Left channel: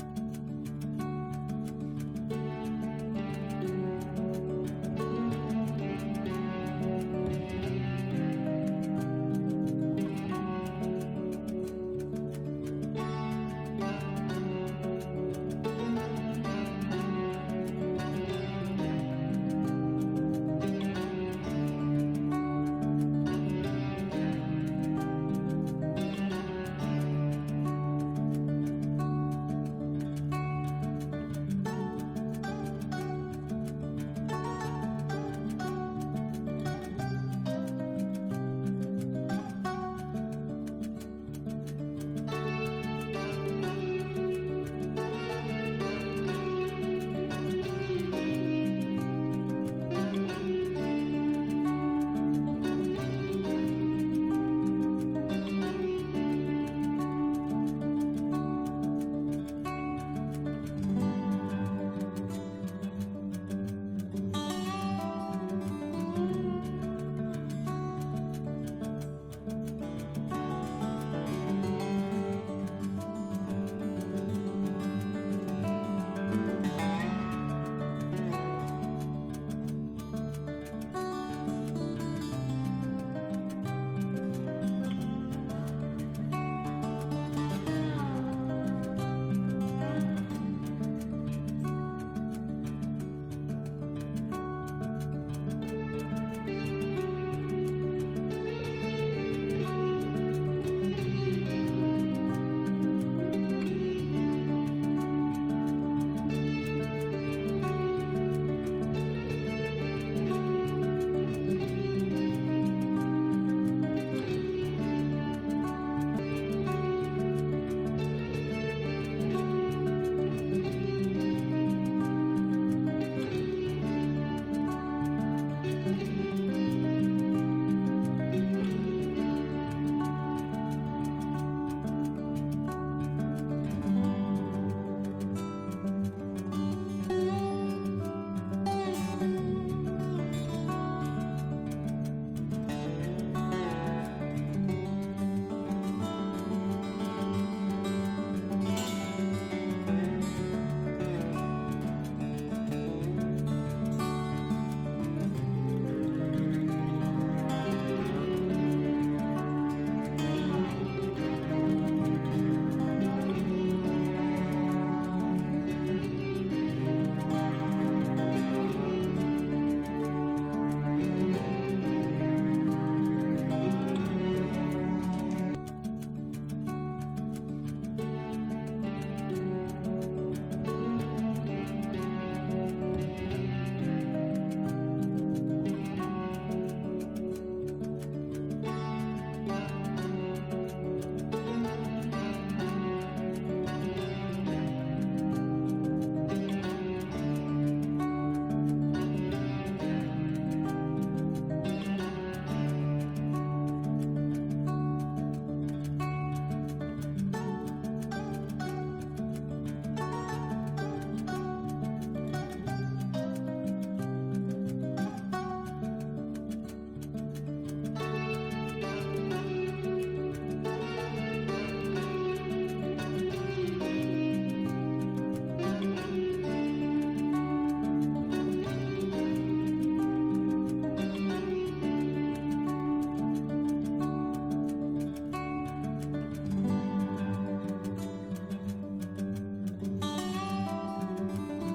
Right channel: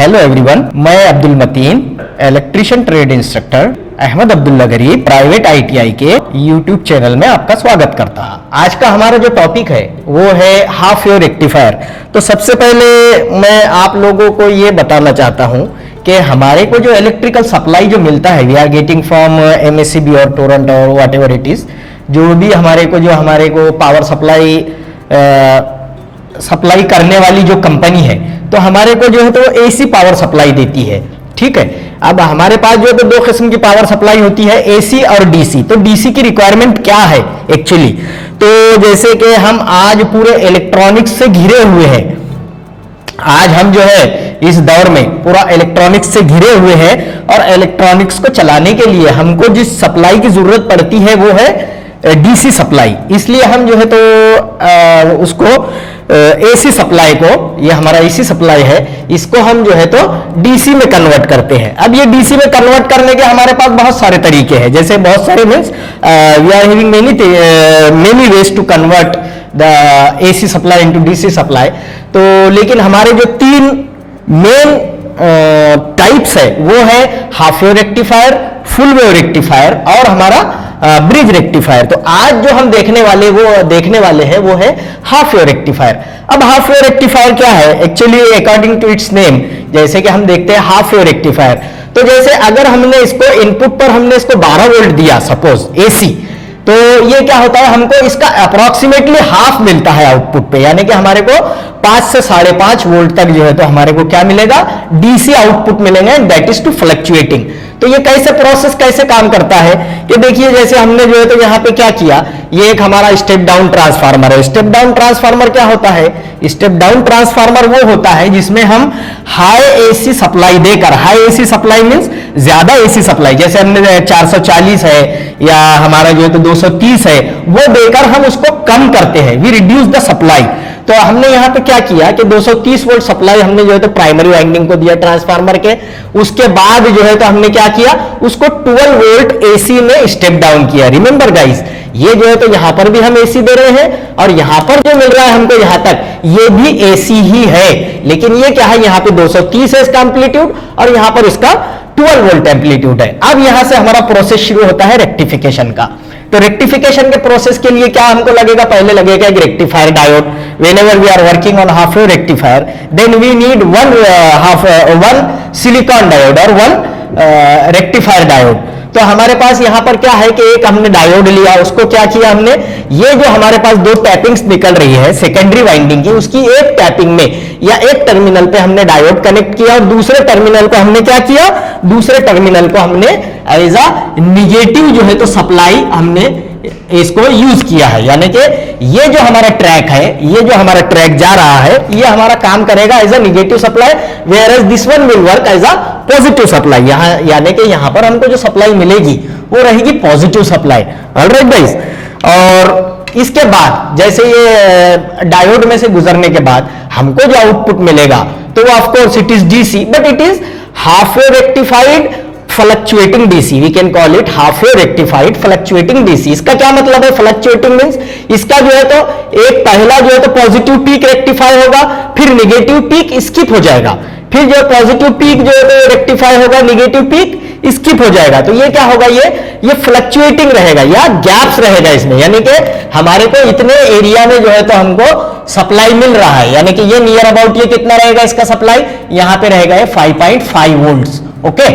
Hello everyone, मैं Abdul Matin, electrician trade instructor Ahmed Abdullah Garib private ITI के YouTube channel में आपका स्वागत करता हूं। आज का हमारा जो टॉपिक है वो है हाफ वेव रेक्टिफायर। तो सबसे पहले मैं आप लोगों को ये बताना चाहता हूं कि हमारे को जो इलेक्ट्रिकल सप्लाई जो मिलता है we are getting from MSCB और टोरंटो और व्हाट एवर इट इज, जो भी हमारे को पावर सप्लाई करने वाली जो कंपनी है तो हमारे को जो है तो एसी पावर सप्लाई देती है। ठीक है, अब हमारे पास जो है तो दो किस्म की पावर सप्लाई होती है, एसी और डीसी। तो डीसी की रिक्वायरमेंट क्या है एक्चुअली, तो जैसे कि हम आज पूरे इलेक्ट्रॉनिक्स से घिरे हुए हैं, आज हम जो है इस दौर में पूरा इलेक्ट्रॉनिक्स से घिरे हुए हैं और इलेक्ट्रॉनिक्स को चलाने के लिए हमको जिस सप्लाई की जरूरत पड़ती है वो है डीसी सप्लाई। इसलिए हम जो है तो उसको एसी सप्लाई को, ये हमारा एसी सप्लाई है, इसको हम जो है तो डीसी में कन्वर्ट करते हैं। अब ये डीसी में कन्वर्ट करने के हमारे पास बहुत सारे तरीके हैं, जैसे बहुत सारे means we are having many ways to convert the AC supply into DC supply. तो लेकिन हमारे जो तीन मेन टाइप्स है वो है half wave rectifier, full wave rectifier और हमारा ब्रिज रेक्टिफायर। तो आज जो हम देखने वाले हैं वो है हाफ वेव रेक्टिफायर। अब हाफ वेव रेक्टिफायर क्या है actually, according to its name, जैसे कि हम देखते हैं हाफ वेव रेक्टिफायर, तो जैसे अगर हमने इसको इनपुट पर हमने इसको 12 वोल्ट दिया सपोज एसी, तो ये क्या होता है, हमको इसका अप्रोक्सीमेटली हाफ मिलता है आउटपुट पे, यानी कि हमारे को 5 से 5.5 वोल्ट तक जो है तो हमारे को क्या मिलेगा, डीसी आउटपुट मिलेंगे, दैट इज टू फ्लक्चुएटिंग। तो ये कैसे काम करता है कि देखिए, जैसे हमने जो है तो यहाँ पे क्या किया, ये एक हमारा स्टेप डाउन ट्रांसफार्मर है। स्टेप डाउन ट्रांसफार्मर क्या होता है, स्टेप डाउन ट्रांसफार्मर वो होता है जिसमें हम हाई एसी सप्लाई देकर, हाई एसी सप्लाई मींस ज्यादा एसी सप्लाई, जैसे हमने 440 है या हमारा जो है तो 230 है, वो देकर हम उसको कम करते हैं, वी रिड्यूस द सप्लाई। तो हमने यहां पे क्या किया कि 230 वोल्ट सप्लाई हमने जो है तो प्राइमरी वाइंडिंग को दिया ट्रांसफार्मर के, उसके बाद जो है तो हमने क्या किया, उसको 12 वोल्ट एसी में स्टेप डाउन किया। रिमेंबर गाइस, ये जो है तो यहां पर भी हम एसी दे रहे हैं और यहां पर जो मिल रहा है हमको यहां तक, ये भी एसी ही है, लेकिन ये क्या है, यहां पे 230 है इसका एम्पलीट्यूड और यहां पर इसका 12 वोल्ट एम्पलीट्यूड है। अब यहां से हमारा प्रोसेस शुरू होता है रेक्टिफिकेशन का। तो रेक्टिफिकेशन के प्रोसेस के लिए क्या हमको लगेगा, पहले लगेगा एक rectifier diode. Whenever we are working on half wave rectifier then we need one silicon diode और वन रेक्टिफायर डायोड। तो हमारे पास यहां पर क्या है कि एक हमने डायोड लिया, उसको क्या किया हमने, ये जो हमारे पास दो टैपिंग्स निकल रही है सेकेंडरी वाइंडिंग की, उसकी एक टैपिंग में या एक टर्मिनल पे हमने डायोड कनेक्ट किया और दूसरे टर्मिनल को हमने क्या किया, दूसरे टर्मिनल को हमने एज अ निगेटिव जो है तो सप्लाई हमने इसको यूज किया है। यानी कि ये जो हमारा ट्रैक है, ये जो हमारा ट्रैक जा रहा है, ये हमारा काम करेगा as a negative supply, whereas this one will work as a positive supply. यहां यानी कि यहां पर हमको जो सप्लाई मिलेगी वो रहेगी पॉजिटिव सप्लाई। ऑलराइट गाइस, और इसके बाद जैसे ये डायोड में से गुजरने के बाद हमको जो आउटपुट मिलेगा तो वो of course it is DC, but it is half wave rectified fluctuating DC, we can call it half wave rectified fluctuating DC. इसका क्या मतलब है, फ्लक्चुएटिंग मींस इसका जो है तो एक पहला जो है तो पॉजिटिव पीक रेक्टिफाई होगा, फिर निगेटिव पीक स्किप हो जाएगा, फिर जो पॉजिटिव पीक जो है तो रेक्टिफाई होगा, निगेटिव पीक स्किप हो जाएगा। तो ये क्या होगा, ये फ्लक्चुएटिंग रहेगा या गैप्स रहेगा इसमें, यानी कि हमारे को इतने एरिया में जो है तो हमको सप्लाई मिल रहा है, यानी कि ये नियर अबाउट ये कितना रहेगा इसका सप्लाई, यहां पे रहेगा ये 5.5 वोल्ट्स। ओके,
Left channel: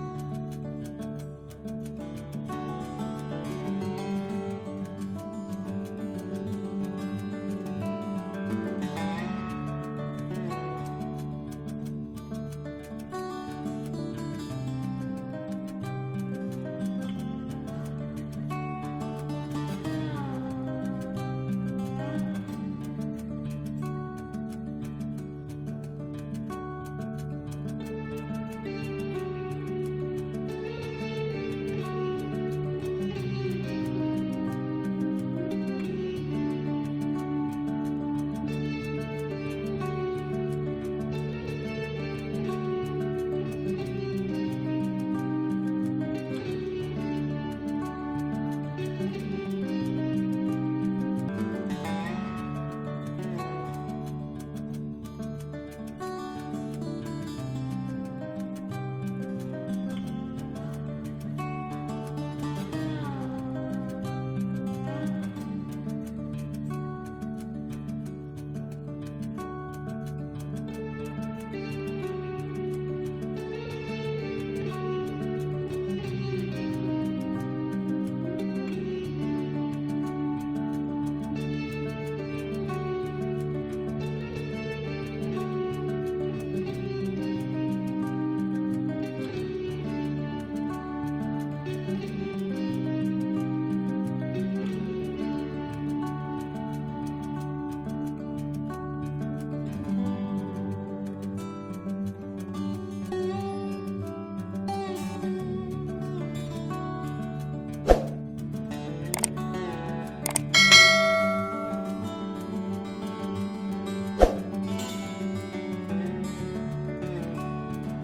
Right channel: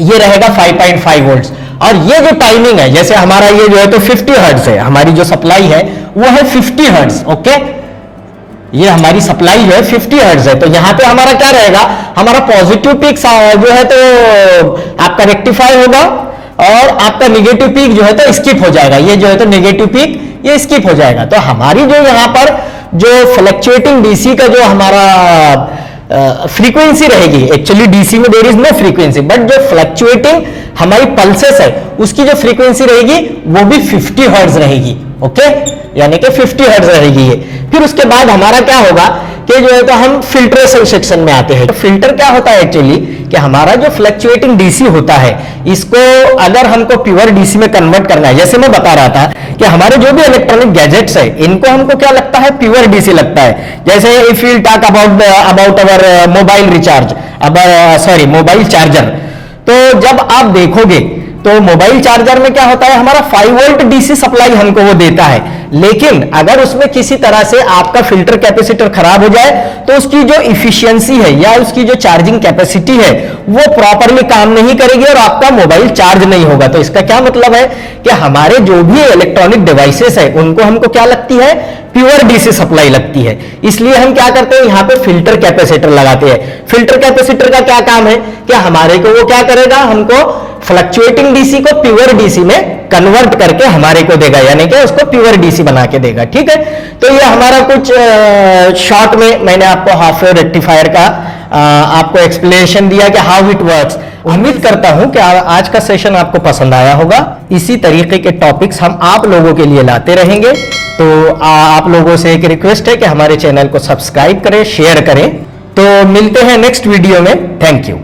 ये रहेगा 5.5 वोल्ट्स। और ये जो टाइमिंग है, जैसे हमारा ये जो है तो 50 हर्ट्ज है, हमारी जो सप्लाई है वो है 50 हर्ट्ज। ओके, ये हमारी सप्लाई जो है 50 हर्ट्ज है। तो यहां पे हमारा क्या रहेगा, हमारा पॉजिटिव पीक जो है तो आपका रेक्टिफाई होगा और आपका निगेटिव पीक जो है तो स्किप हो जाएगा, ये जो है तो निगेटिव पीक ये स्किप हो जाएगा। तो हमारी जो यहां पर जो फ्लक्चुएटिंग डीसी का जो हमारा फ्रीक्वेंसी रहेगी, एक्चुअली डीसी में there is no frequency, but जो फ्लक्चुएटिंग हमारी पल्सेस है उसकी जो फ्रीक्वेंसी रहेगी वो भी 50 हर्ट्ज रहेगी। ओके, यानी कि 50 हर्ट्ज रहेगी ये। फिर उसके बाद हमारा क्या होगा कि जो है तो हम फिल्ट्रेशन सेक्शन में आते हैं। तो फिल्टर क्या होता है एक्चुअली, कि हमारा जो फ्लक्चुएटिंग डीसी होता है, इसको अगर हमको प्योर डीसी में कन्वर्ट करना है, जैसे मैं बता रहा था कि हमारे जो भी इलेक्ट्रॉनिक गैजेट्स है, इनको हमको क्या लगता है, प्योर डीसी लगता है। जैसे if you talk about our mobile recharge, sorry mobile charger, तो जब आप देखोगे तो मोबाइल चार्जर में क्या होता है, हमारा 5 वोल्ट डीसी सप्लाई हमको वो देता है, लेकिन अगर उसमें किसी तरह से आपका फिल्टर कैपेसिटर खराब हो जाए तो उसकी जो इफिशियंसी है या उसकी जो चार्जिंग कैपेसिटी है वो प्रॉपरली काम नहीं करेगी और आपका मोबाइल चार्ज नहीं होगा। तो इसका क्या मतलब है कि हमारे जो भी इलेक्ट्रॉनिक डिवाइसेस है उनको हमको क्या लगती है, प्योर डीसी सप्लाई लगती है। इसलिए हम क्या करते हैं, यहां पे फिल्टर कैपेसिटर लगाते हैं। फिल्टर कैपेसिटर का क्या काम है कि हमारे को वो क्या करेगा, हमको फ्लक्चुएटिंग डीसी को प्योर डीसी में कन्वर्ट करके हमारे को देगा, यानी कि उसको प्योर डीसी बना के देगा। ठीक है, तो ये हमारा कुछ शॉर्ट में मैंने आपको हाफ वेव रेक्टिफायर का आपको एक्सप्लेनेशन दिया कि हाउ इट वर्क्स। उम्मीद करता हूं कि आज का सेशन आपको पसंद आया होगा। इसी तरीके के टॉपिक्स हम आप लोगों के लिए लाते रहेंगे। तो आप लोगों से एक रिक्वेस्ट है कि हमारे चैनल को सब्सक्राइब करें, शेयर करें। तो मिलते हैं नेक्स्ट वीडियो में। Thank you.